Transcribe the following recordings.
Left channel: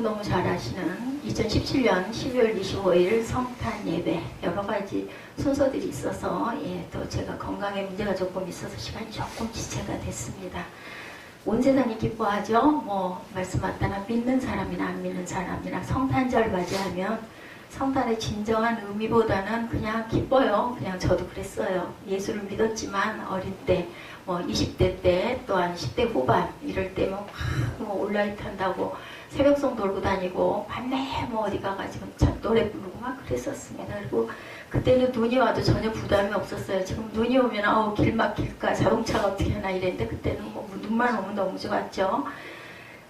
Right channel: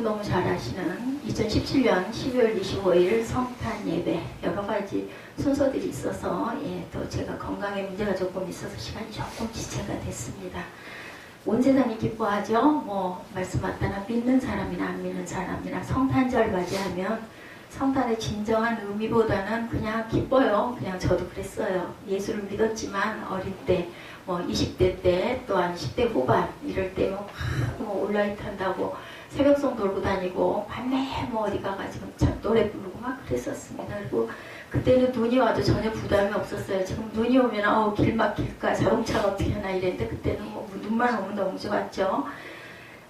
너무 잘 아시는 2017년 12월 25일 성탄 예배 여러 가지 순서들이 있어서 또 제가 건강에 문제가 조금 있어서 시간이 조금 지체가 됐습니다. 온 세상이 기뻐하죠. 말씀 맞다나 믿는 사람이나 안 믿는 사람이나 성탄절 맞이하면 성탄의 진정한 의미보다는 그냥 기뻐요. 그냥 저도 그랬어요. 예수를 믿었지만 어릴 때 20대 때 또한 10대 후반 이럴 때 온라인 탄다고 새벽송 돌고 다니고 밤에 어디 가가지고 노래 부르고 막 그랬었습니다. 그리고 그때는 눈이 와도 전혀 부담이 없었어요. 지금 눈이 오면 길 막힐까 자동차가 어떻게 하나 이랬는데 그때는 눈만 오면 너무 좋았죠.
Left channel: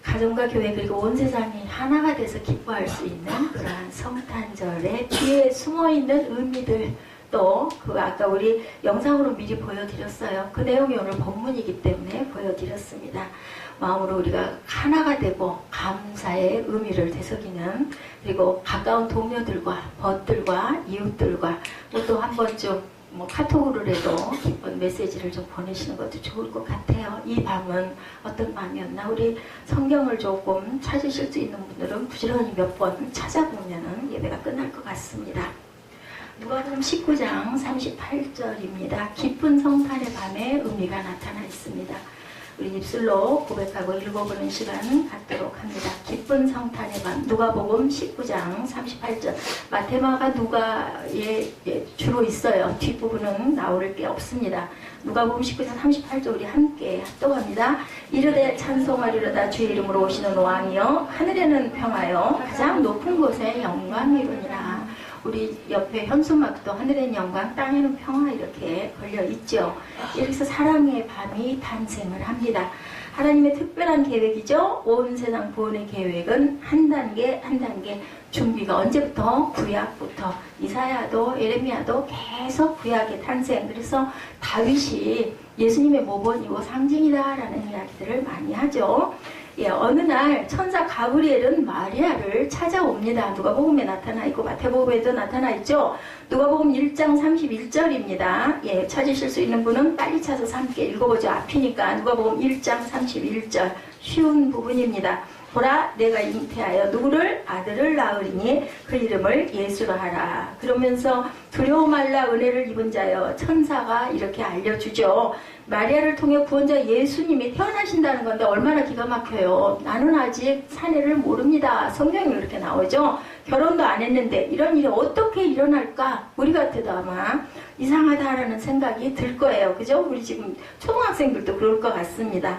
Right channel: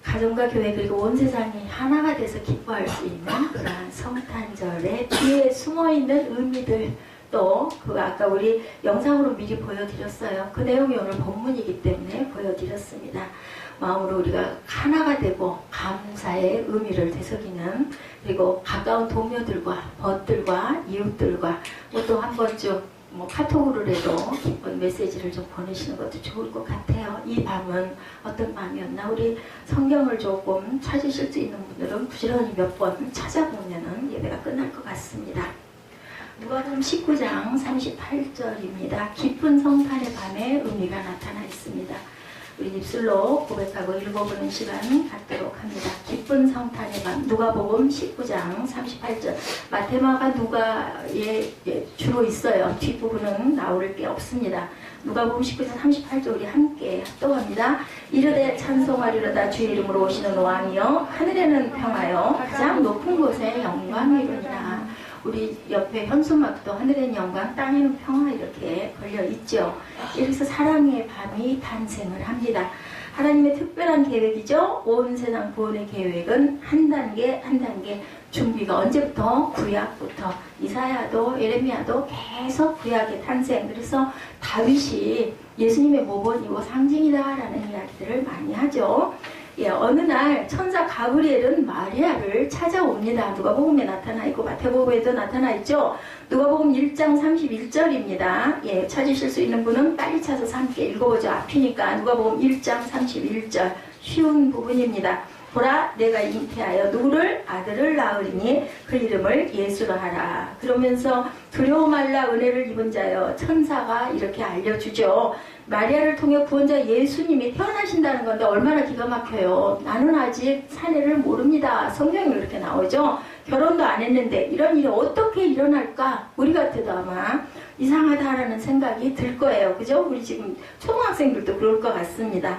가정과 교회 그리고 온 세상이 하나가 돼서 기뻐할 수 있는 그러한 성탄절의 뒤에 숨어있는 의미들 또 아까 우리 영상으로 미리 보여드렸어요. 그 내용이 오늘 본문이기 때문에 보여드렸습니다. 마음으로 우리가 하나가 되고 감사의 의미를 되새기는 그리고 가까운 동료들과 벗들과 이웃들과 또 한 번쯤 카톡으로라도 기쁜 메시지를 좀 보내시는 것도 좋을 것 같아요. 이 밤은 어떤 밤이었나 우리 성경을 조금 찾으실 수 있는 분들은 부지런히 몇 번 찾아보면 예배가 끝날 것 같습니다. 누가복음 19장 38절입니다. 기쁜 성탄의 밤에 의미가 나타나 있습니다. 우리 입술로 고백하고 읽어보는 시간 갖도록 합니다. 기쁜 성탄의 밤 누가복음 19장 38절 마테마가 누가에 주로 있어요. 뒷부분은 나올 게 없습니다. 누가복음 19장 38절 우리 함께 합독합니다. 이르되 찬송하리로다 주의 이름으로 오시는 왕이여 하늘에는 평하여 가장 높은 곳에 영광이로니라. 우리 옆에 현수막도 하늘에는 영광 땅에는 평화 이렇게 걸려있죠. 여기서 사랑의 밤이 탄생을 합니다. 하나님의 특별한 계획이죠. 온 세상 구원의 계획은 한 단계 한 단계 준비가 언제부터? 구약부터 이사야도 예레미야도 계속 구약의 탄생. 그래서 다윗이 예수님의 모본이고 상징이다라는 이야기들을 많이 하죠. 어느 날 천사 가브리엘은 마리아를 찾아옵니다. 누가복음에 나타나 있고 마태복음에도 나타나 있죠. 누가복음 1장 31절입니다. 찾으실 수 있는 분은 빨리 찾아서 함께 읽어보죠. 앞이니까 누가복음 1장 31절 쉬운 부분입니다. 보라 내가 잉태하여 누구를? 아들을 낳으리니 그 이름을 예수로 하라. 그러면서 두려워 말라 은혜를 입은 자여 천사가 이렇게 알려주죠. 마리아를 통해 구원자 예수님이 태어나신다는 건데 얼마나 기가 막혀요. 나는 아직 사내를 모릅니다. 성경에 이렇게 나오죠. 결혼도 안 했는데 이런 일이 어떻게 일어날까? 우리 같아도 아마 이상하다라는 생각이 들 거예요. 그죠? 우리 지금 초등학생들도 그럴 것 같습니다.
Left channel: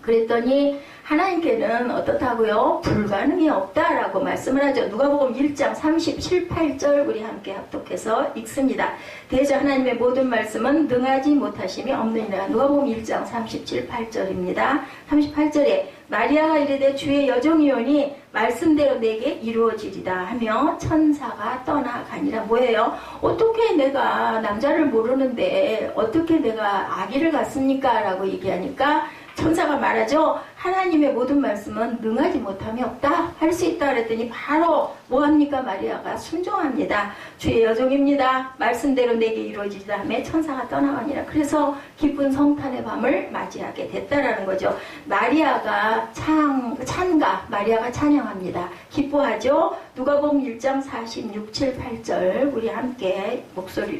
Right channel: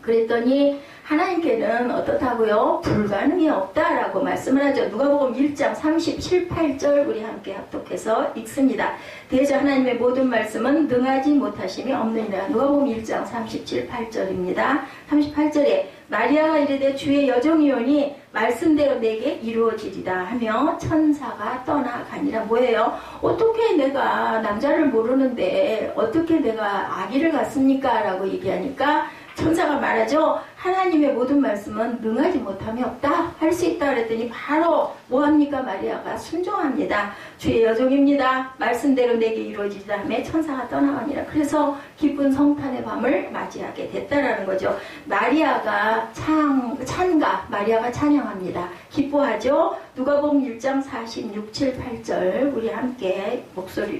그랬더니 하나님께는 어떻다고요? 불가능이 없다라고 말씀을 하죠. 누가복음 1장 37, 8절 우리 함께 합독해서 읽습니다. 대저 하나님의 모든 말씀은 능하지 못하심이 없느니라. 누가복음 1장 37, 8절입니다. 38절에 마리아가 이르되 주의 여종이오니 말씀대로 내게 이루어지리다 하며 천사가 떠나가니라. 뭐예요? 어떻게 내가 남자를 모르는데 어떻게 내가 아기를 갖습니까? 라고 얘기하니까 천사가 말하죠. 하나님의 모든 말씀은 능하지 못함이 없다. 할 수 있다 그랬더니 바로 뭐합니까? 마리아가 순종합니다. 주의 여종입니다. 말씀대로 내게 이루어지다 하며 천사가 떠나가니라. 그래서 기쁜 성탄의 밤을 맞이하게 됐다라는 거죠. 마리아가 마리아가 찬양합니다. 기뻐하죠. 누가복음 1장 46, 7, 8절 우리 함께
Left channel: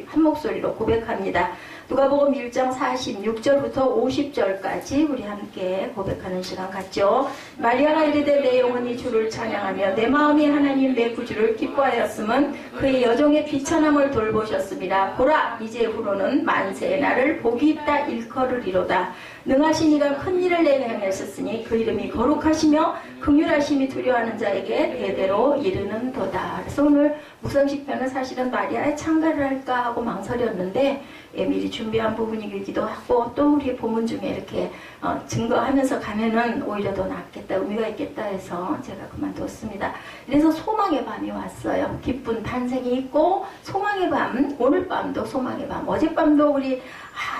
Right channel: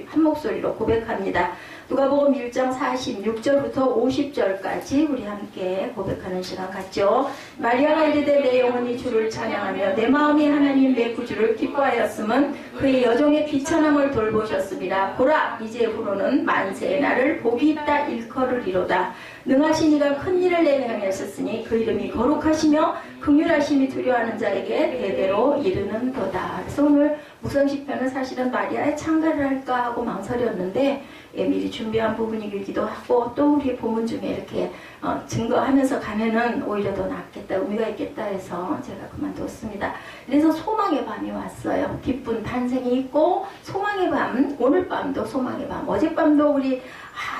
한 목소리로 고백합니다. 누가복음 1장 46절부터 50절까지 우리 함께 고백하는 시간 같죠. 마리아가 이르되 내 영혼이 주를 찬양하며 내 마음이 하나님 내 구주를 기뻐하였음은 그의 여종의 비천함을 돌보셨습니다. 보라 이제후로는 만세의 날을 복이 있다 일컬으리로다. 능하신 이가 큰 일을 내게 행하셨으니 그 이름이 거룩하시며 긍휼하심이 두려워하는 자에게 대대로 이르는도다. 그래서 오늘 무성시편은 사실은 마리아의 창가를 할까 하고 망설였는데 미리 준비한 부분이기도 하고 또 우리 본문 중에 이렇게 증거하면서 가면은 오히려 더 낫겠다, 의미가 있겠다 해서 제가 그만뒀습니다. 그래서 소망의 밤이 왔어요. 기쁜 탄생이 있고 소망의 밤, 오늘 밤도 소망의 밤. 어젯밤도 우리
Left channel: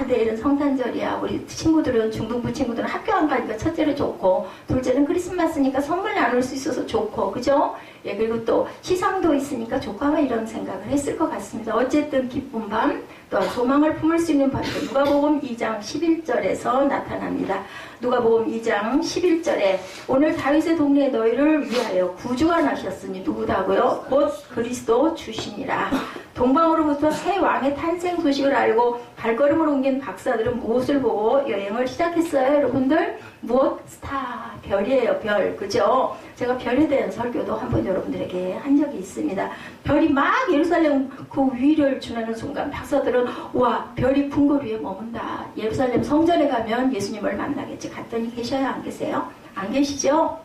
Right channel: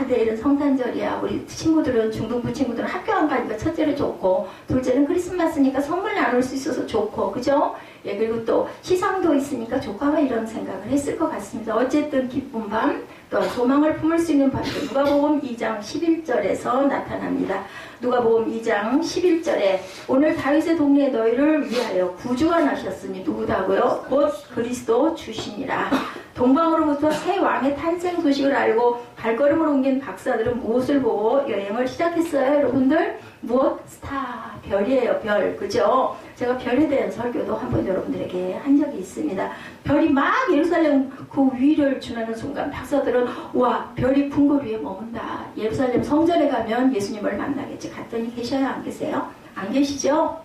내일은 성탄절이야. 우리 친구들은 중등부 친구들은 학교 안 가니까 첫째는 좋고 둘째는 크리스마스니까 선물 나눌 수 있어서 좋고 그죠? 그리고 또 시상도 있으니까 좋고 아마 이런 생각을 했을 것 같습니다. 어쨌든 기쁜 밤, 또 소망을 품을 수 있는 밤도 누가복음 2장 11절에서 나타납니다. 누가복음 2장 11절에 오늘 다윗의 동네에 너희를 위하여 구주가 나셨으니 누구다고요? 곧 그리스도 주시니라. 동방으로부터 새 왕의 탄생 소식을 알고 발걸음을 옮긴 박사들은 무엇을 보고 여행을 시작했어요? 여러분들 무엇? 스타, 별이에요. 별, 그죠? 제가 별에 대한 설교도 한번 여러분들에게 한 적이 있습니다. 별이 막 예루살렘 그 위를 주는 순간 박사들은 와, 별이 궁궐 위에 머문다. 예루살렘 성전에 가면 예수님을 만나겠지. 갔더니 계셔요? 안 계세요? 안 계시죠?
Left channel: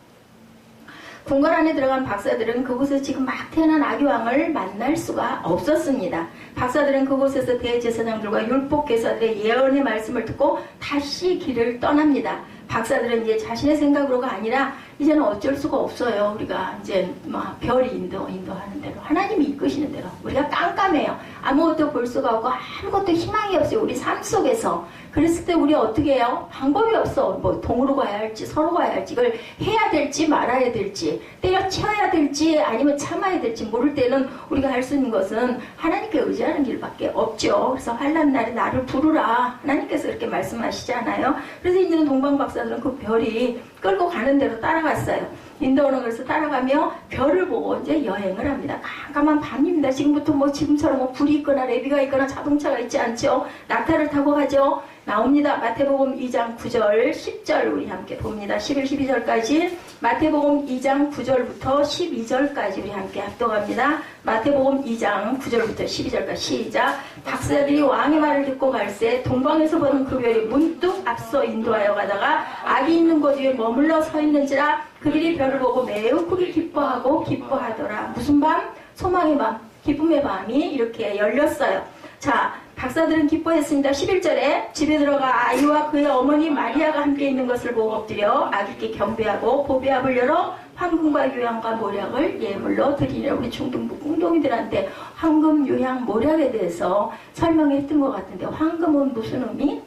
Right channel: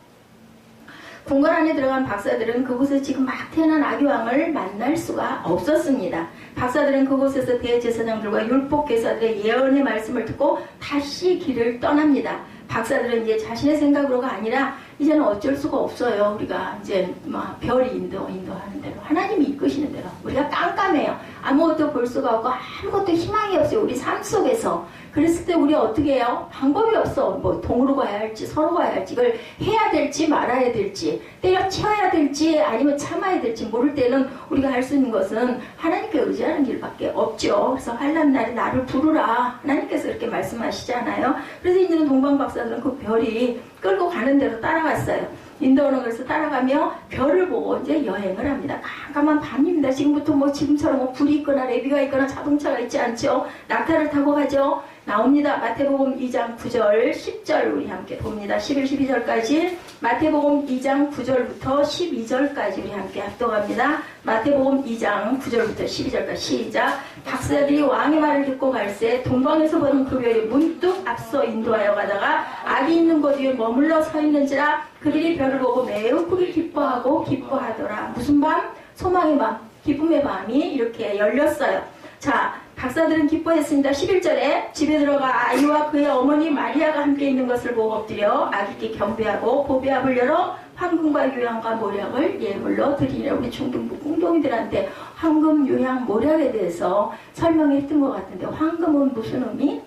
궁궐 안에 들어간 박사들은 그곳에 지금 막 태어난 아기왕을 만날 수가 없었습니다. 박사들은 그곳에서 대제사장들과 율법교사들의 예언의 말씀을 듣고 다시 길을 떠납니다. 박사들은 이제 자신의 생각으로가 아니라 이제는 어쩔 수가 없어요. 우리가 이제 막 별이 인도하는 대로 하나님이 이끄시는 대로 우리가 깜깜해요. 아무것도 볼 수가 없고 아무것도 희망이 없어요. 우리 삶 속에서. 그랬을 때 우리 어떻게 해요? 방법이 없어. 뭐 동으로 가야 할지 서로 가야 할지 이걸 해야 될지 말아야 될지 때려쳐야 될지 아니면 참아야 될지 모를 때는 우리가 할 수 있는 것은 하나님께 의지하는 길밖에 없죠. 그래서 환난 날에 나를 부르라. 하나님께서 그렇게 말씀하시잖아요. 그래서 이제는 동방 박사들은 그 별이 끌고 가는 대로 따라갔어요. 인도오는 것을 따라가며 별을 보고 이제 여행을 합니다. 깜깜한 밤입니다. 지금부터 뭐 지금처럼 뭐 불이 있거나 레비가 있거나 자동차가 있지 않죠. 낙타를 타고 가죠. 나옵니다. 마태복음 2장 9절 10절 우리 함께 봅니다. 11, 12절까지 마태복음 2장 9절부터 12절까지 우리 함께 합독합니다. 마태복음 2장 9절부터 12절까지 시작. 박사들이 왕의 말을 듣고 갈새 동방에서 보는 그 별이 문득 앞서 인도하여 가다가 악이 있는 곳 위에 머물러 서 있는지라 그들이 별을 보고 매우 크게 기뻐하고 기뻐하더라. 무슨 밤? 소망의 밤, 기쁨의 밤이 이렇게 열렸어요. 자, 박사들은 기뻐했습니다. 11절에 집에 들어가 아이와 그의 어머니 마리아가 함께 있는 것을 보고 엎드려 아기께 경배하고 보배압을 열어 황금과 유향과 모략을 예물로 드리려. 우리 중등부 공동이들한테 황금, 유향, 모략에 대해서 설명했던 것 같은데 황금은 무슨 의미?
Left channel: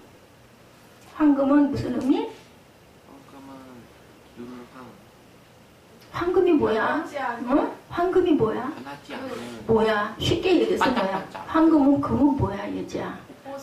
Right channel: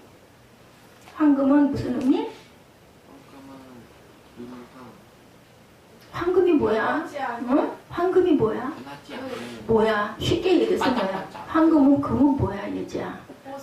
황금은 무슨 의미? 황금이 뭐야? 응? 황금이 뭐야? 뭐야? 쉽게 얘기해서 뭐야? 황금은 금은 뭐야, 얘지야?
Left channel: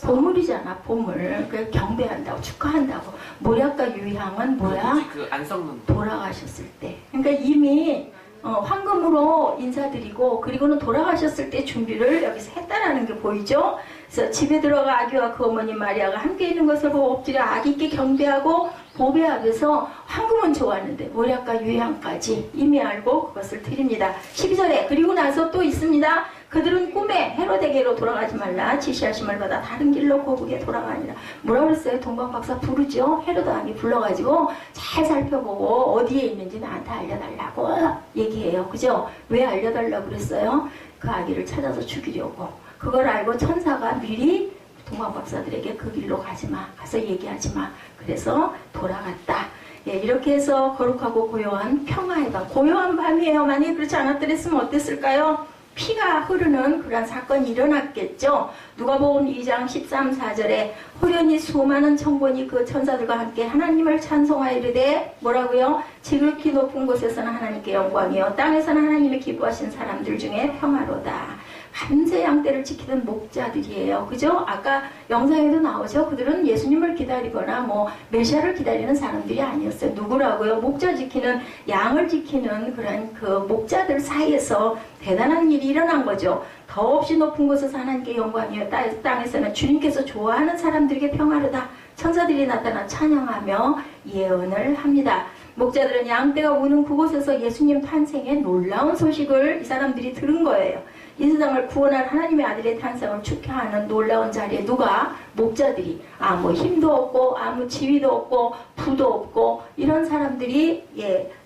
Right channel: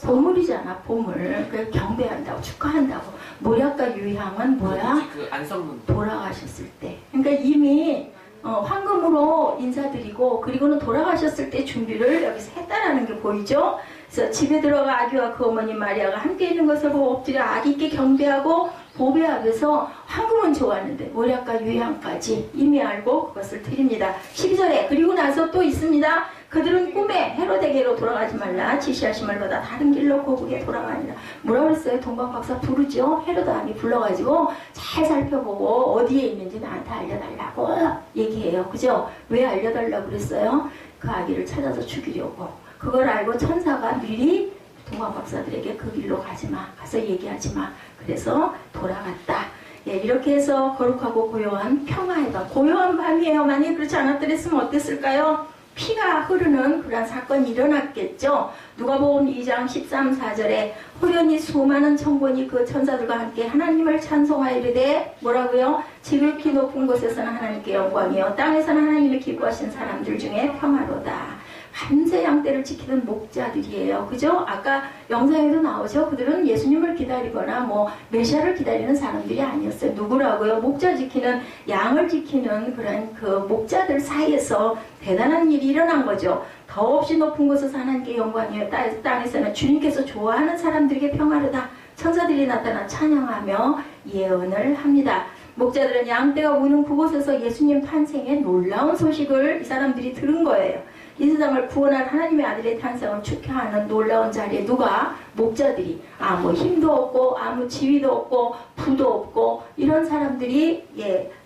보물이잖아, 보물. 그래서 경배한다고, 축하한다고. 모략과 유향은 뭐야? 그 안 썩는 돌아가셨을 때. 그러니까 이미 황금으로 인사드리고 그리고는 돌아가셨을 때 준비를 여기서 했다라는 게 보이죠? 그래서 집에 들어가 아기와 그 어머니 마리아가 함께 있는 것을 보고 엎드려 아기께 경배하고 보배하면서 황금은 좋았는데 모략과 유향까지 이미 알고 그것을 드립니다. 12절에 그리고 나서 또 있습니다. 그들은 꿈에 헤로데게로 돌아가지 말라 지시하심을 받아 다른 길로 고국에 돌아가니라. 뭐라 그랬어요? 동방박사 부르죠? 헤로드 왕이 불러가지고 잘 살펴보고 어디에 있는지 나한테 알려달라고 얘기해요. 그죠? 왜 알려달라고 그랬어요? 그 아기를 찾아서 죽이려고. 그걸 알고 천사가 미리 동방박사들에게 그 길로 가지마, 가서 얘기하지마. 그래서 돌아갔다. 예, 이렇게 해서 거룩하고 고요한 평화의 밤, 고요한 밤이에요. 만약에 그렇지 않았더랬으면 어땠을까요? 피가 흐르는 그런 사건이 일어났겠죠. 누가복음 2장 13, 4절에 호련히 수많은 천군이 그 천사들과 함께 하나님을 찬송하여 이르되 뭐라고요? 지극히 높은 곳에서는 하나님께 영광이요 땅에서는 하나님이 기뻐하신 사람들 중에 평화로다. 밤새 양떼를 지키는 목자들이에요. 그죠? 아까 영상에도 나오죠? 그들은 예수님을 기다리거나 뭐 메시아를 기다리는 사람들이 아니었어요. 누구라고요? 목자 지키는, 양을 지키는 그런 그 목자들 사이에서 대단한 일이 일어난 거죠. 더없이 높은 곳에서 하나님께 영광이요 땅에서는 주님께서 좋아하는 사람들에게 평화로다. 천사들이 나타나 찬양하며 예언을 합니다. 목자들은 양떼가 우는 그곳에서 예수님 탄생의 놀라운 소식을 이 사람들이 들은 거예요. 이 세상을 구원할 하나님의 아들의 탄생을 축하하는 놀라운 자리에 누가? 목자들이. 뭐 힘도 없고 아무 지위도 없고 부도 없고 이런 사람들이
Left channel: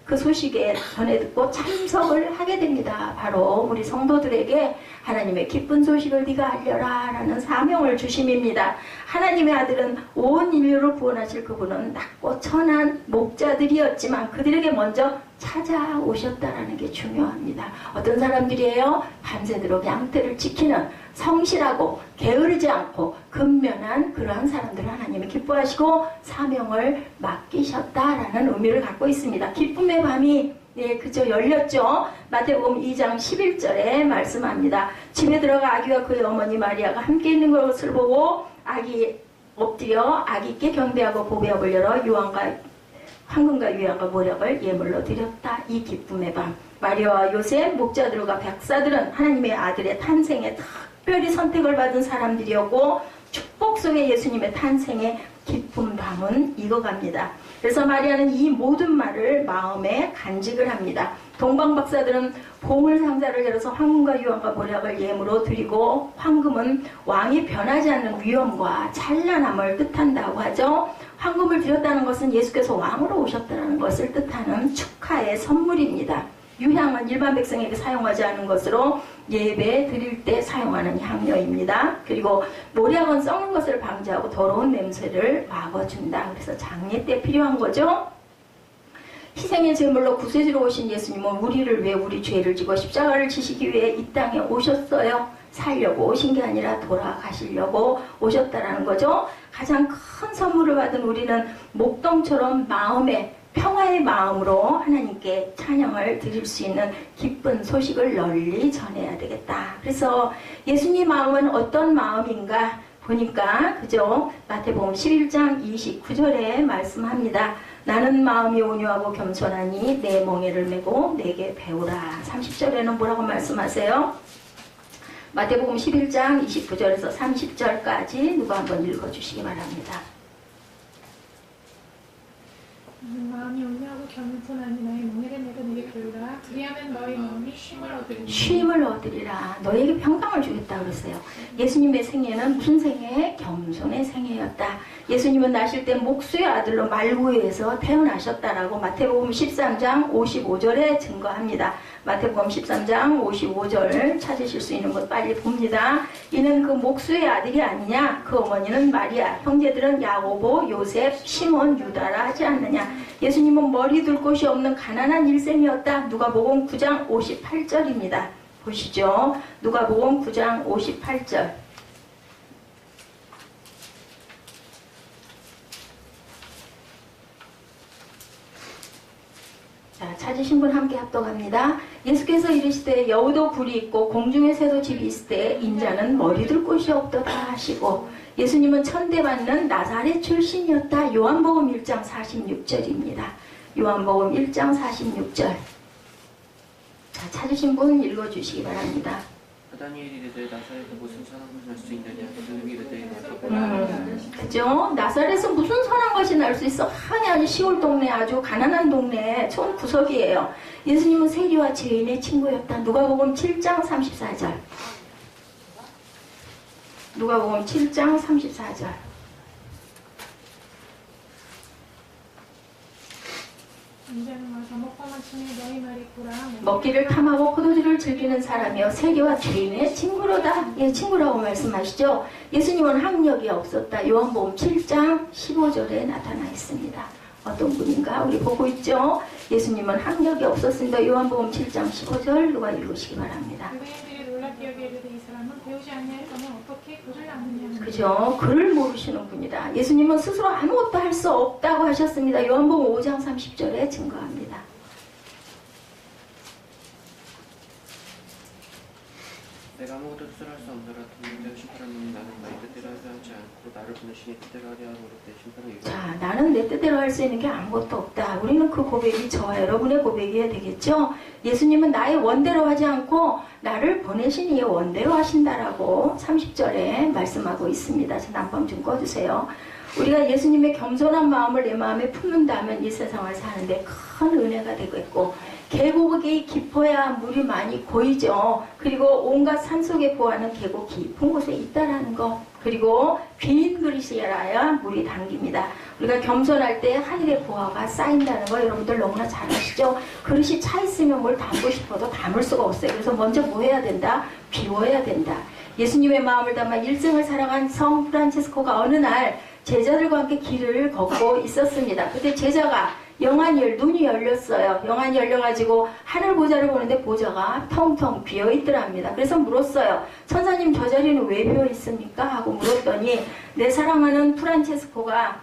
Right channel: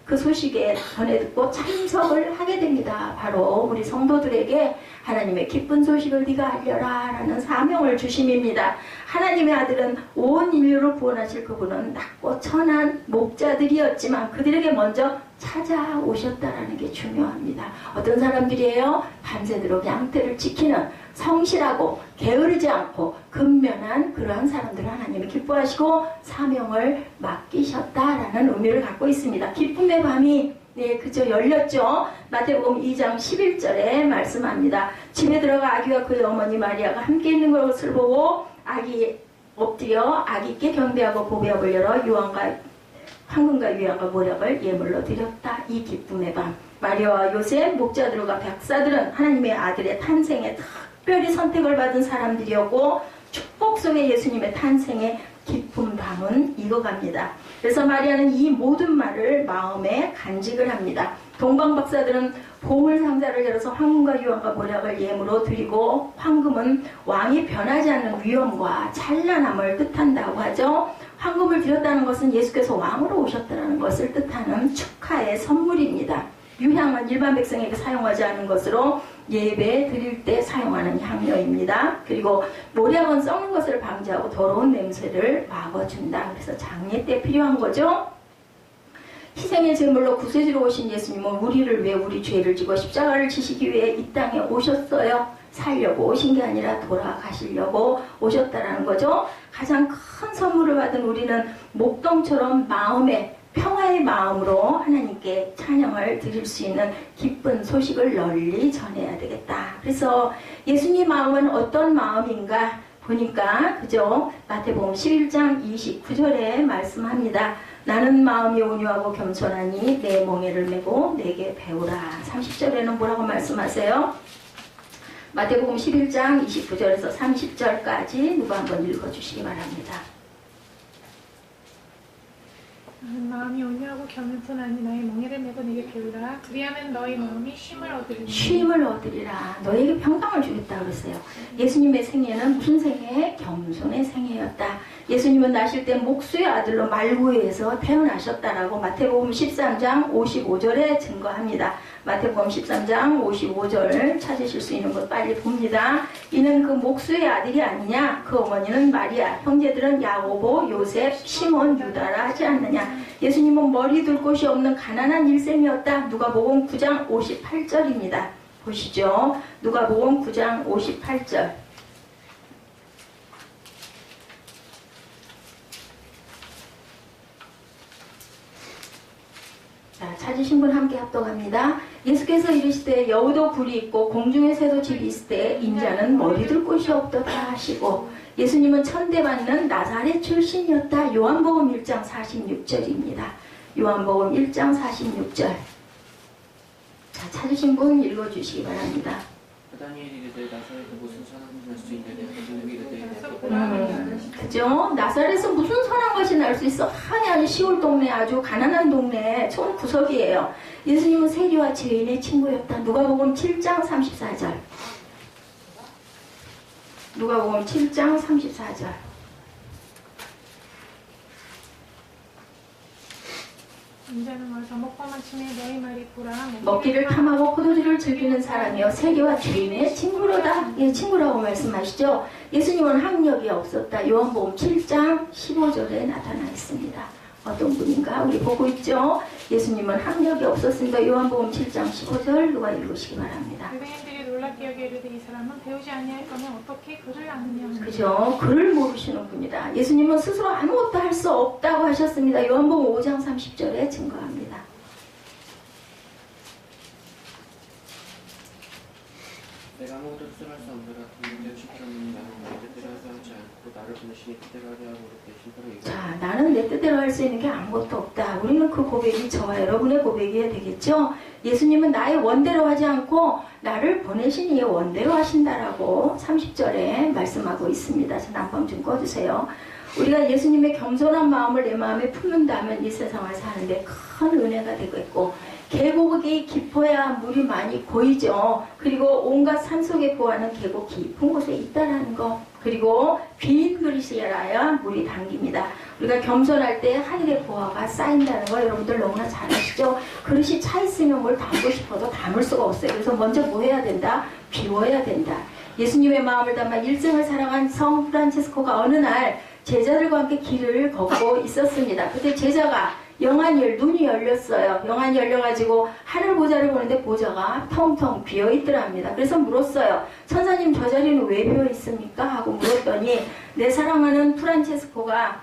그 소식에 전해 듣고 참석을 하게 됩니다. 바로 우리 성도들에게 하나님의 기쁜 소식을 네가 알려라 라는 사명을 주심입니다. 하나님의 아들은 온 인류를 구원하실 그분은 낮고 천한 목자들이었지만 그들에게 먼저 찾아오셨다라는 게 중요합니다. 어떤 사람들이에요? 밤새도록 양떼를 지키는 성실하고 게으르지 않고 근면한 그러한 사람들을 하나님이 기뻐하시고 사명을 맡기셨다라는 의미를 갖고 있습니다. 기쁨의 밤이 그저 열렸죠. 마태복음 2장 11절에 말씀합니다. 집에 들어가 아기와 그의 어머니 마리아가 함께 있는 것을 보고 아기 엎드려 아기께 경배하고 보배업을 열어 황금과 유향과 모략을 예물로 드렸다. 이 기쁨의 밤. 마리아와 요셉, 목자들과 백사들은 하나님의 아들의 탄생에 특별히 선택을 받은 사람들이었고 축복 속에 예수님의 탄생의 기쁜 밤은 익어갑니다. 그래서 마리아는 이 모든 말을 마음에 간직을 합니다. 동방박사들은 보물 상자를 열어서 황금과 유황과 모략을 예물로 드리고, 황금은 왕이 변하지 않는 위엄과 찬란함을 뜻한다고 하죠. 황금을 드렸다는 것은 예수께서 왕으로 오셨다는 것을 뜻하는 축하의 선물입니다. 유향은 일반 백성에게 사용하지 않은 것으로 예배 드릴 때 사용하는 향료입니다. 그리고 모략은 썩는 것을 방지하고 더러운 냄새를 막아준다. 그래서 장례 때 필요한 거죠. 희생의 제물로 구세주로 오신 예수님은 우리를 위해 우리 죄를 지고 십자가를 지시기 위해 이 땅에 오셨어요. 살려고 오신 게 아니라 돌아가시려고 오셨다라는 거죠. 가장 큰 선물을 받은 우리는 목동처럼 마음에 평화의 마음으로 하나님께 찬양을 드릴 수 있는 기쁜 소식을 널리 전해야 되겠다. 그래서 예수님 마음은 어떤 마음인가 보니까 그죠? 마태복음 11장 29절에 말씀합니다. 나는 마음이 온유하고 겸손하니 내 멍에를 메고 내게 배우라. 30절에는 뭐라고 말씀하세요? 마태복음 11장 29절에서 30절까지 누가 한번 읽어주시기 바랍니다. 마음이 온유하고 겸손하니 너희 멍에를 메고 내게 배우라. 그리하면 너희 마음이 쉼을 얻으리라. 너에게 평강을 주겠다 그랬어요. 예수님의 생애는 무슨 생애? 겸손의 생애였다. 예수님은 나실 때 목수의 아들로 말구에서 태어나셨다라고 마태복음 13장 55절에 증거합니다. 마태복음 13장 55절 찾으실 수 있는 것 빨리 봅니다. 이는 그 목수의 아들이 아니냐? 그 어머니는 마리아, 형제들은 야고보, 요셉, 시몬, 유다라 하지 않느냐? 예수님은 머리 둘 곳이 없는 가난한 일생이었다. 누가복음 9장 58절입니다. 보시죠. 누가복음 9장 58절. 자, 찾으신 분 함께 합독합니다. 예수께서 이르시되 여우도 굴이 있고 공중의 새도 집이 있을 때 인자는 머리 둘 곳이 없도다 하시고, 예수님은 천대받는 나사렛 출신이었다. 요한복음 1장 46절입니다. 요한복음 1장 46절. 자, 찾으신 분 읽어주시기 바랍니다. 다니엘이 이르되 나사렛에서 무슨 선한 것이 날 수 있느냐? 그들이 이르되 그죠? 나사렛에서 무슨 선한 것이 날 수 있어? 아니 시골 동네, 아주 가난한 동네 촌 구석이에요. 예수님은 세리와 죄인의 친구였다. 누가복음 7장 34절. 누가복음 7장 34절. 인자는 와서 먹고 마침에 너희 말이 꾸라. 먹기를 탐하고 포도주를 즐기는 사람이여 세리와 죄인의 친구로다. 예, 친구라고 말씀하시죠. 예수님은 학력이 없었다. 요한복음 7장 15절에 나타나 있습니다. 어떤 분인가 우리 보고 있죠. 예수님은 학력이 없었습니다. 요한복음 7장 15절 누가 읽으시기 바랍니다. 유대인들이 놀랍게 여겨 이르되 이 사람은 배우지 아니하였거면 어떻게 글을 아느냐. 그죠? 글을 모르시는 분이다. 예수님은 스스로 아무것도 할 수 없다고 하셨습니다. 요한복음 5장 30절에 증거합니다. 내가 아무것도 스스로할 수 없노라. 동일된 심판하는 나는 나의 뜻대로 하지 않고 나를 보내시니 뜻대로 하려 하고 그렇게 심판을 자, 나는 내 뜻대로 할 수 있는 게 아무것도 없다. 우리는 그 고백이 저와 여러분의 고백이어야 되겠죠? 예수님은 나의 원대로 하지 않고 나를 보내신 이의 원대로 하신다라고 30절에 말씀하고 있습니다. 자, 난방 좀 꺼주세요. 우리가 예수님의 겸손한 마음을 내 마음에 품는다면 이 세상을 사는데 큰 은혜가 되겠고, 계곡이 깊어야 물이 많이 고이죠. 그리고 온갖 산속에 보하는 계곡 깊은 곳에 있다라는 거. 그리고 빈 그릇이라야 물이 담깁니다. 우리가 겸손할 때 하늘의 보화가 쌓인다는 거 여러분들 너무나 잘 아시죠? 그릇이 차 있으면 뭘 담고 싶어도 담을 수가 없어요. 그래서 먼저 뭐 해야 된다? 비워야 된다. 예수님의 마음을 담아 일생을 살아간 성 프란치스코가 어느 날 제자들과 함께 길을 걷고 있었습니다. 그때 제자가 눈이 열렸어요. 영안이 열려가지고 하늘 보좌를 보는데 보좌가 텅텅 비어있더랍니다. 그래서 물었어요. 천사님, 저 자리는 왜 비어있습니까? 하고 물었더니 내 사랑하는 프란체스코가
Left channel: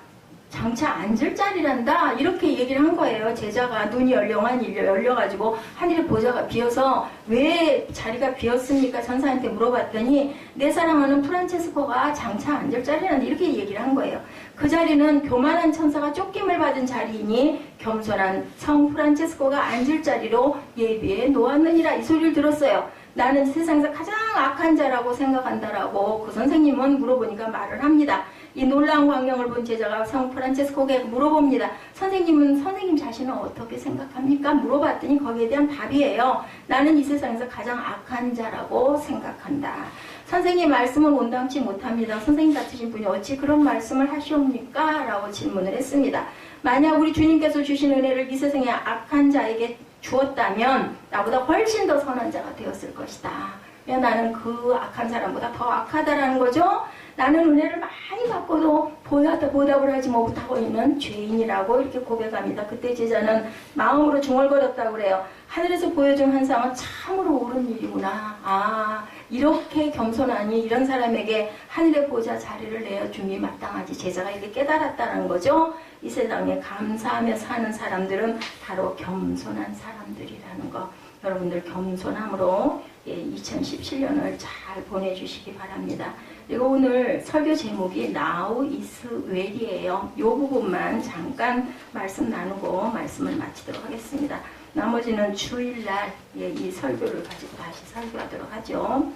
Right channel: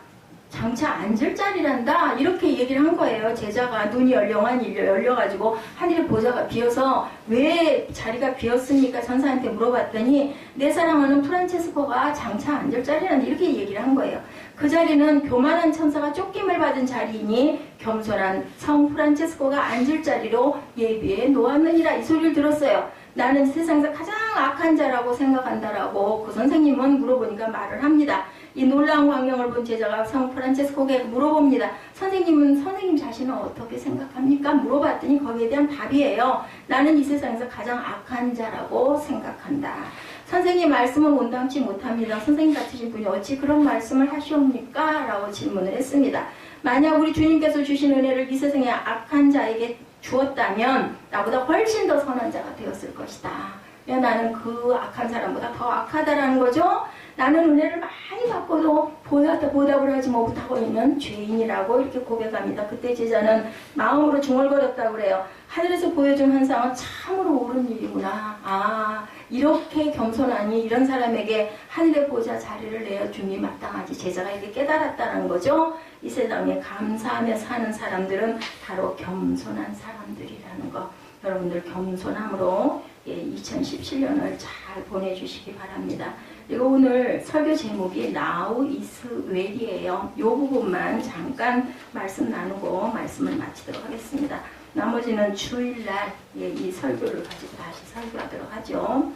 장차 앉을 자리란다 이렇게 얘기를 한 거예요. 제자가 눈이 영안이 열려가지고 하늘의 보좌가 비어서 왜 자리가 비었습니까? 천사한테 물어봤더니 내 사랑하는 프란체스코가 장차 앉을 자리란다 이렇게 얘기를 한 거예요. 그 자리는 교만한 천사가 쫓김을 받은 자리이니 겸손한 성 프란체스코가 앉을 자리로 예비해 놓았느니라 이 소리를 들었어요. 나는 세상에서 가장 악한 자라고 생각한다라고 그 선생님은 물어보니까 말을 합니다. 이 놀라운 광경을 본 제자가 성 프란체스코에게 물어봅니다. 선생님 자신은 어떻게 생각합니까? 물어봤더니 거기에 대한 답이에요. 나는 이 세상에서 가장 악한 자라고 생각한다. 선생님 말씀은 온당치 못합니다. 선생님 같으신 분이 어찌 그런 말씀을 하시옵니까? 라고 질문을 했습니다. 만약 우리 주님께서 주신 은혜를 이 세상의 악한 자에게 주었다면 나보다 훨씬 더 선한 자가 되었을 것이다. 왜 나는 그 악한 사람보다 더 악하다라는 거죠. 나는 은혜를 많이 받고도 보답을 하지 못하고 있는 죄인이라고 이렇게 고백합니다. 그때 제자는 마음으로 중얼거렸다고 그래요. 하늘에서 보여준 환상은 참으로 옳은 일이구나. 아, 이렇게 겸손하니 이런 사람에게 하늘의 보좌 자리를 내어줌이 마땅하지. 제자가 이렇게 깨달았다는 거죠. 이 세상에 감사하며 사는 사람들은 바로 겸손한 사람들이라는 거. 여러분들 겸손함으로 2017년을 잘 보내주시기 바랍니다. 그리고 오늘 설교 제목이 Now is well이에요. 이 부분만 잠깐 말씀 나누고 말씀을 마치도록 하겠습니다. 나머지는 주일날 이 설교를 가지고 다시 설교하도록 하죠.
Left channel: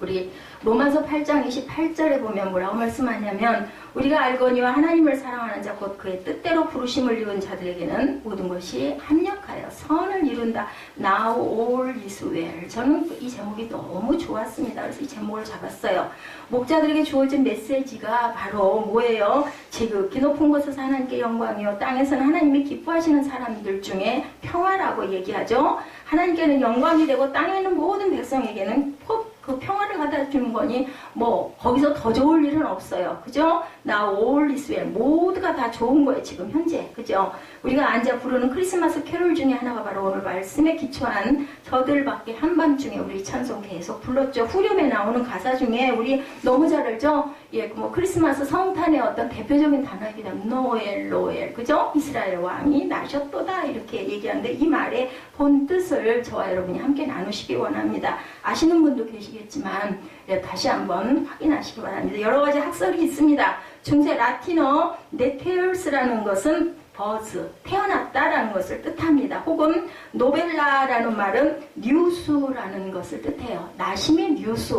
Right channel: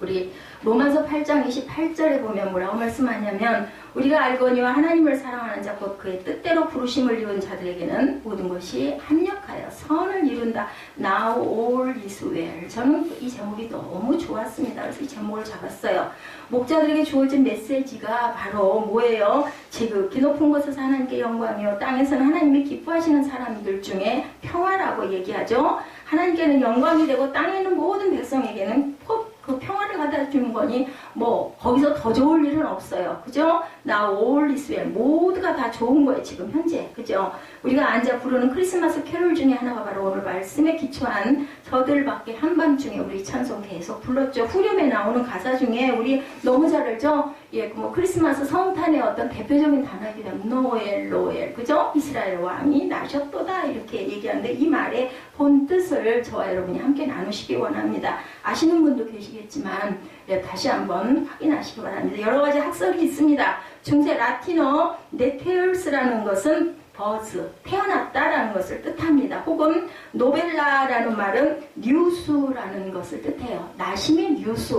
우리 로마서 8장 28절에 보면 뭐라고 말씀하냐면 우리가 알거니와 하나님을 사랑하는 자 곧 그의 뜻대로 부르심을 이룬 자들에게는 모든 것이 합력하여 선을 이룬다. Now all is well. 저는 이 제목이 너무 좋았습니다. 그래서 이 제목을 잡았어요. 목자들에게 주어진 메시지가 바로 뭐예요? 지극히 높은 곳에서 하나님께 영광이요 땅에서는 하나님이 기뻐하시는 사람들 중에 평화라고 얘기하죠. 하나님께는 영광이 되고 땅에 있는 모든 백성에게는 그 평화를 갖다 주는 거니 뭐 거기서 더 좋을 일은 없어요. 그죠? Now all is well. 모두가 다 좋은 거예요. 지금 현재. 그죠? 우리가 앉아 부르는 크리스마스 캐롤 중에 하나가 바로 오늘 말씀에 기초한 저들밖에 한밤중에 우리 찬송 계속 불렀죠. 후렴에 나오는 가사 중에 우리 너무 잘 알죠? 예, 뭐 크리스마스 성탄의 어떤 대표적인 단어이기도 합니다. 노엘, 로엘. 그죠? 이스라엘 왕이 나셨도다. 이렇게 얘기하는데 이 말의 본 뜻을 저와 여러분이 함께 나누시기 원합니다. 아시는 분도 계시겠지만 예, 다시 한번 확인하시기 바랍니다. 여러 가지 학설이 있습니다. 중세 라틴어 네테얼스라는 것은 버즈, 태어났다라는 것을 뜻합니다. 혹은 노벨라라는 말은 뉴스라는 것을 뜻해요. 나심의 뉴스.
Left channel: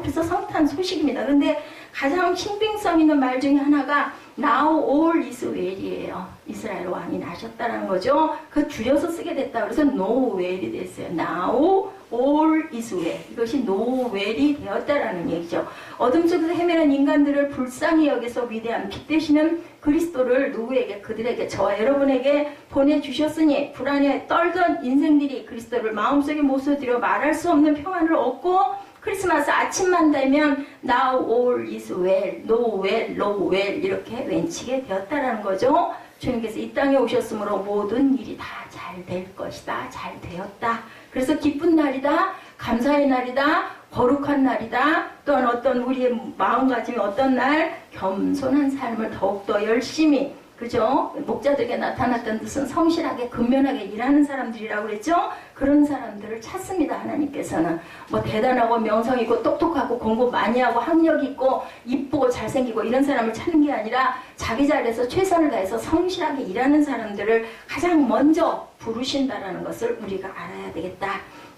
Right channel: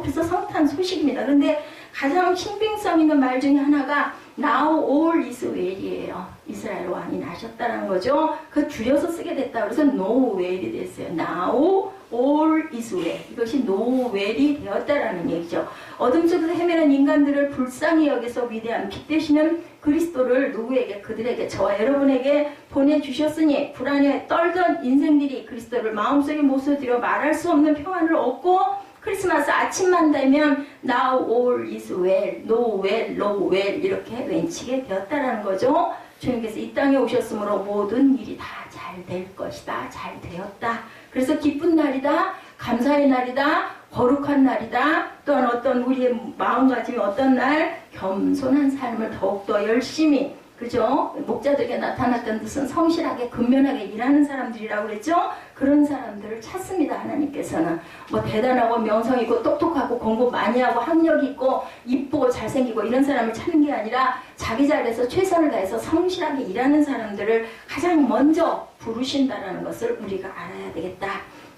그래서 성탄 소식입니다. 그런데 가장 신빙성 있는 말 중에 하나가 Now all is well이에요. 이스라엘 왕이 나셨다는 거죠. 그 줄여서 쓰게 됐다. 그래서 no well이 됐어요. Now all is well. 이것이 no well이 되었다라는 얘기죠. 어둠 속에서 헤매는 인간들을 불쌍히 여기서 위대한 빛 되시는 그리스도를 누구에게? 그들에게, 저와 여러분에게 보내주셨으니 불안에 떨던 인생들이 그리스도를 마음속에 모셔들여 말할 수 없는 평안을 얻고 크리스마스 아침만 되면 Now all is well, no well, no well 이렇게 외치게 되었다라는 거죠. 주님께서 이 땅에 오셨으므로 모든 일이 다 잘 될 것이다. 잘 되었다. 그래서 기쁜 날이다. 감사의 날이다. 거룩한 날이다. 또한 어떤 우리의 마음가짐이 어떤 날 겸손한 삶을 더욱더 열심히 그죠? 목자들에게 나타났던 뜻은 성실하게 근면하게 일하는 사람들이라고 그랬죠? 그런 사람들을 찾습니다. 하나님께서는 뭐 대단하고 명성 있고 똑똑하고 공부 많이 하고 학력 있고 이쁘고 잘생기고 이런 사람을 찾는 게 아니라 자기 자리에서 최선을 다해서 성실하게 일하는 사람들을 가장 먼저 부르신다라는 것을 우리가 알아야 되겠다.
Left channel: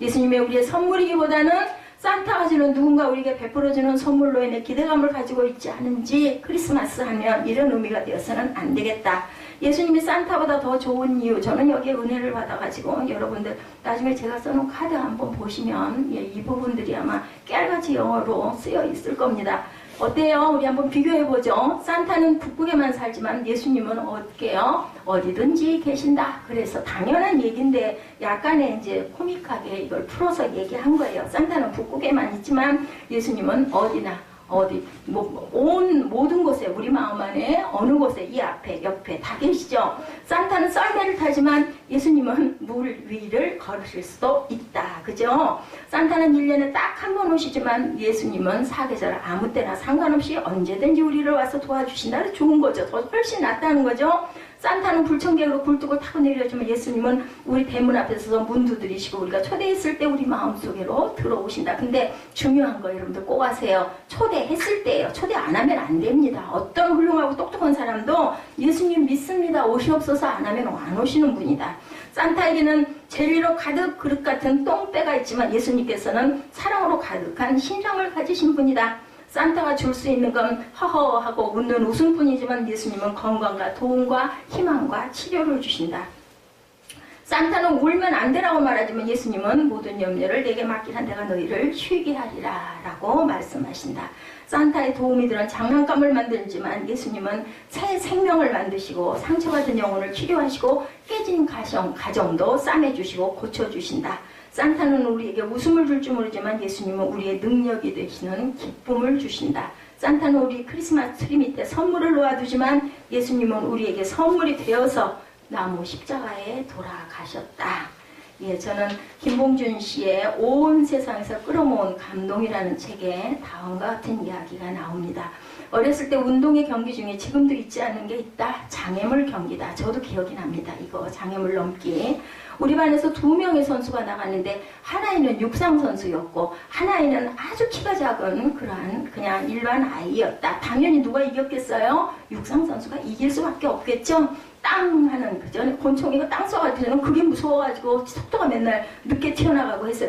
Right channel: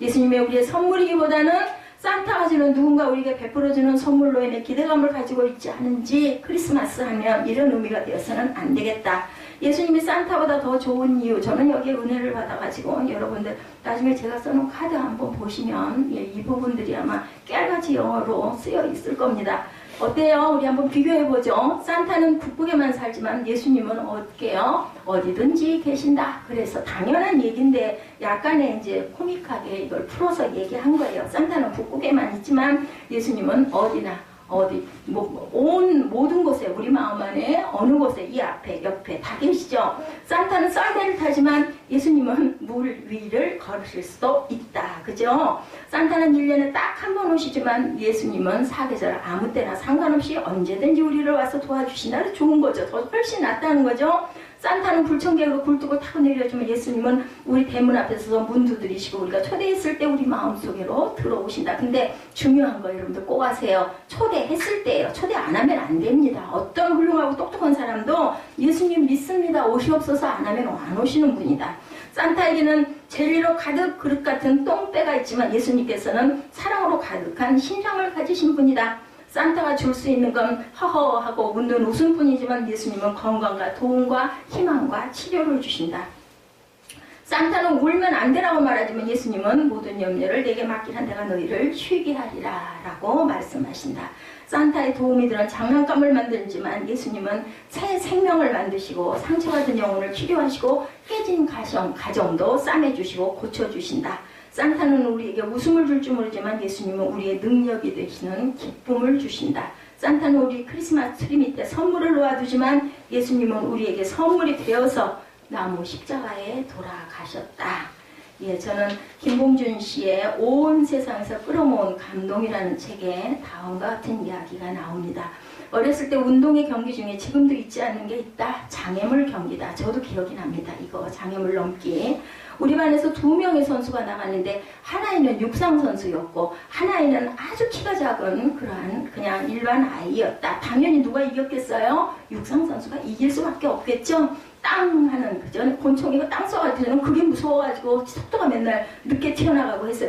예수님의 우리의 선물이기보다는 산타가 주는 누군가 우리에게 베풀어주는 선물로 인해 기대감을 가지고 있지 않은지 크리스마스 하면 이런 의미가 되어서는 안 되겠다. 예수님이 산타보다 더 좋은 이유, 저는 여기에 은혜를 받아가지고 여러분들 나중에 제가 써놓은 카드 한번 보시면 이 부분들이 아마 깨알같이 영어로 쓰여 있을 겁니다. 어때요? 우리 한번 비교해보죠. 산타는 북극에만 살지만 예수님은 어디게요? 어디든지 계신다. 그래서 당연한 얘기인데 약간의 이제 코믹하게 이걸 풀어서 얘기한 거예요. 산타는 북극에만 있지만 예수님은 어디나 어디 모든 곳에 우리 마음 안에 어느 곳에 이 앞에 옆에 다 계시죠. 산타는 썰매를 타지만 예수님은 물 위를 걸으실 수도 있다. 그죠? 산타는 1년에 딱 한 번 오시지만 예수님은 사계절 아무 때나 상관없이 언제든지 우리를 와서 도와주신다. 좋은 거죠. 더 훨씬 낫다는 거죠. 산타는 불청객으로 굴뚝을 타고 내려주면 예수님은 우리 대문 앞에서 문 두드리시고 우리가 초대했을 때 우리 마음속으로 들어오신다. 근데 중요한 거 여러분들 꼭 아세요. 초대했을 때예요. 초대 안 하면 안 됩니다. 어떤 훌륭하고 똑똑한 사람도 예수님 믿습니다. 오시옵소서 안 하면 안 오시는 분이다. 산타에게는 젤리로 가득 그릇 같은 똥배가 있지만 예수님께서는 사랑으로 가득한 심장을 가지신 분이다. 산타가 줄 수 있는 건 허허하고 웃는 웃음뿐이지만 예수님은 건강과 도움과 희망과 치료를 주신다. 산타는 울면 안 되라고 말하지만 예수님은 모든 염려를 내게 맡기라 내가 너희를 쉬게 하리라 라고 말씀하신다. 산타의 도움이 들은 장난감을 만들지만 예수님은 새 생명을 만드시고 상처받은 영혼을 치료하시고 깨진 가정도 싸매주시고 고쳐주신다. 산타는 우리에게 웃음을 줄 줄 모르지만 예수님은 우리의 능력이 되시는 기쁨을 주신다. 산타는 우리 크리스마스 트리 밑에 선물을 놓아두지만 예수님은 우리에게 선물이 되어서 나무 십자가에 돌아가셨다. 예, 저는 김봉준 씨의 온 세상에서 끌어모은 감동이라는 책에 다음과 같은 이야기가 나옵니다. 어렸을 때 운동의 경기 중에 지금도 잊지 않는 게 있다. 장애물 경기다. 저도 기억이 납니다. 이거 장애물 넘기. 우리 반에서 2명의 선수가 나갔는데 하나이는 육상 선수였고 하나이는 아주 키가 작은 그러한 그냥 일반 아이였다. 당연히 누가 이겼겠어요? 육상 선수가 이길 수밖에 없겠죠. 땅 하는 그전 곤충이가 땅 쏘가지고는 그게 무서워가지고 속도가 맨날 늦게 튀어나가고 해서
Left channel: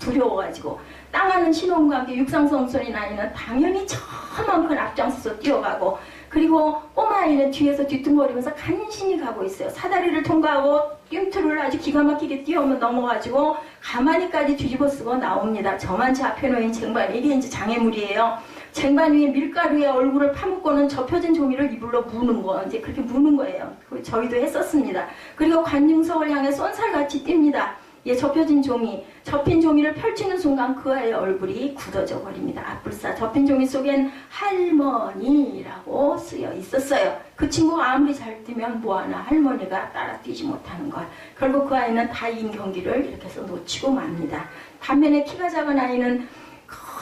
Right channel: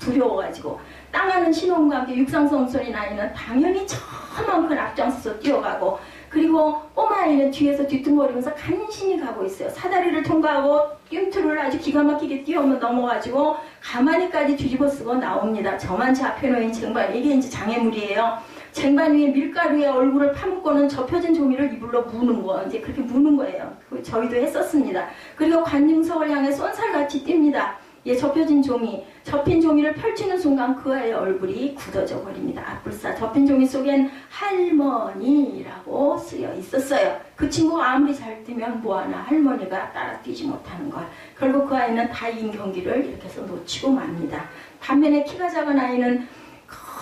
두려워가지고 땅 하는 신호음과 함께 육상 선수인 아이는 당연히 저만큼 앞장서서 뛰어가고 그리고 꼬마아이는 뒤에서 뒤뚱거리면서 간신히 가고 있어요. 사다리를 통과하고 뜀트를 아주 기가 막히게 뛰어오면 넘어가지고 가만히까지 뒤집어 쓰고 나옵니다. 저만치 앞에 놓인 쟁반, 이게 이제 장애물이에요. 쟁반 위에 밀가루에 얼굴을 파묻고는 접혀진 종이를 이불로 무는 거, 이제 그렇게 무는 거예요. 저희도 했었습니다. 그리고 관중석을 향해 쏜살같이 뜁니다. 예, 접힌 종이를 펼치는 순간 그 아이의 얼굴이 굳어져 버립니다. 아뿔싸. 접힌 종이 속엔 할머니라고 쓰여 있었어요. 그 친구가 아무리 잘 뛰면 뭐하나 할머니가 따라 뛰지 못하는 걸. 결국 그 아이는 다 이긴 경기를 이렇게 해서 놓치고 맙니다. 반면에 키가 작은 아이는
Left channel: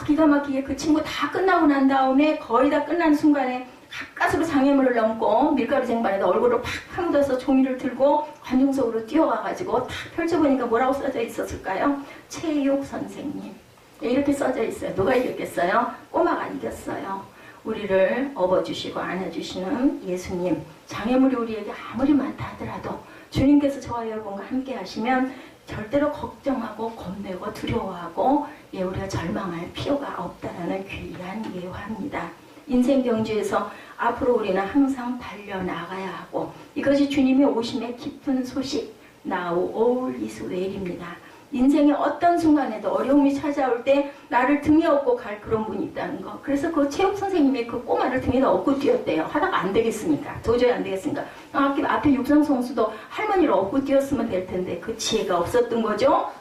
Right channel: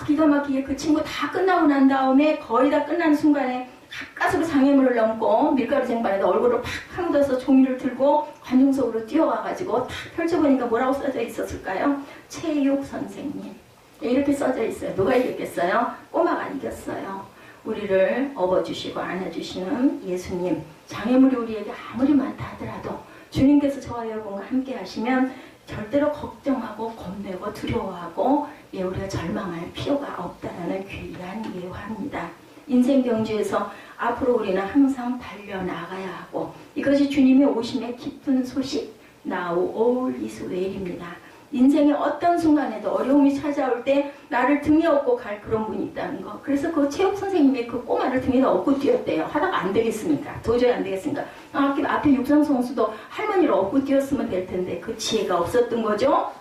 기가 막히게 그 친구 다 끝나고 난 다음에 거의 다 끝난 순간에 가까스로 장애물을 넘고 밀가루 쟁반에다 얼굴을 팍 파묻어서 종이를 들고 관중석으로 뛰어가가지고 탁 펼쳐보니까 뭐라고 써져 있었을까요? 체육 선생님. 이렇게 써져 있어요. 누가 이겼겠어요? 꼬마가 이겼어요. 우리를 업어주시고 안아주시는 예수님. 장애물이 우리에게 아무리 많다 하더라도 주님께서 저와 여러분과 함께 하시면 절대로 걱정하고 겁내고 두려워하고 우리가 절망할 필요가 없다라는 귀한 예화입니다. 인생 경주에서 앞으로 우리는 항상 달려나가야 하고 이것이 주님의 오심의 깊은 소식 Now all is well입니다. 인생의 어떤 순간에도 어려움이 찾아올 때 나를 등에 업고 갈 그런 분이 있다는 거. 그래서 그 체육 선생님이 그 꼬마를 등에다 업고 뛰었대요. 하다가 안 되겠습니까? 도저히 안 되겠습니까? 앞에 육상 선수도 할머니를 업고 뛰었으면 될 텐데 그 지혜가 없었던 거죠.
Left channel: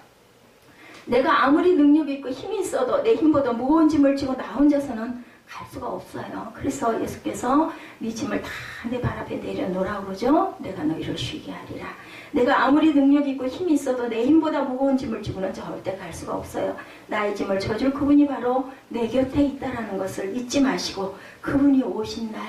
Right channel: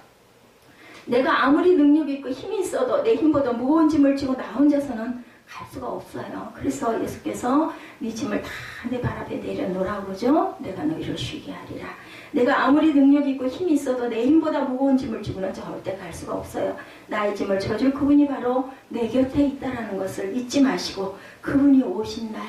내가 아무리 능력이 있고 힘이 있어도 내 힘보다 무거운 짐을 지고 나 혼자서는 갈 수가 없어요. 그래서 예수께서 네 짐을 다 내 발 앞에 내려놓으라고 그러죠. 내가 너희를 쉬게 하리라. 내가 아무리 능력이 있고 힘이 있어도 내 힘보다 무거운 짐을 지고는 절대 갈 수가 없어요. 나의 짐을 져줄 그분이 바로 내 곁에 있다는 것을 잊지 마시고 그분이 오신 날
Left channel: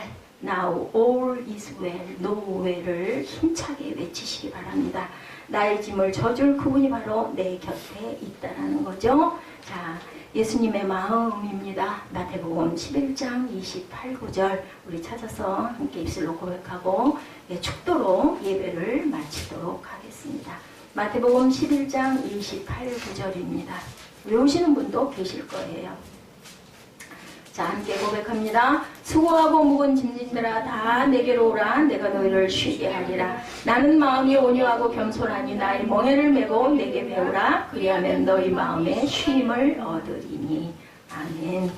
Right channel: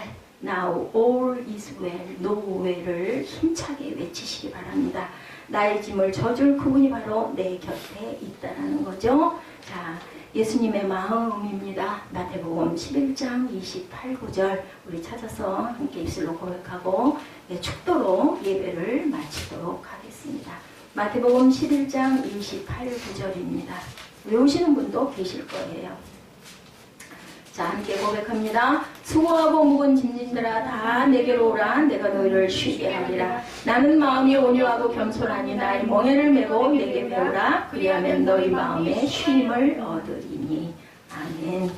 Now all is well, no well을 힘차게 외치시기 바랍니다. 나의 짐을 져줄 그분이 바로 내 곁에 있다는 거죠. 자, 예수님의 마음입니다. 마태복음 11장 28, 9절 우리 찾아서 함께 입술로 고백하고 축도로 예배를 마치도록 하겠습니다. 마태복음 11장 28, 9절입니다. 외우시는 분도 계실 거예요. 자, 함께 고백합니다. 수고하고 무거운 짐진들아 다 내게로 오라. 내가 너희를 쉬게 하리라. 나는 마음이 온유하고 겸손하니 나의 멍에를 메고 내게 배우라. 그리하면 너희 마음에 쉼을 얻으리니. 아멘.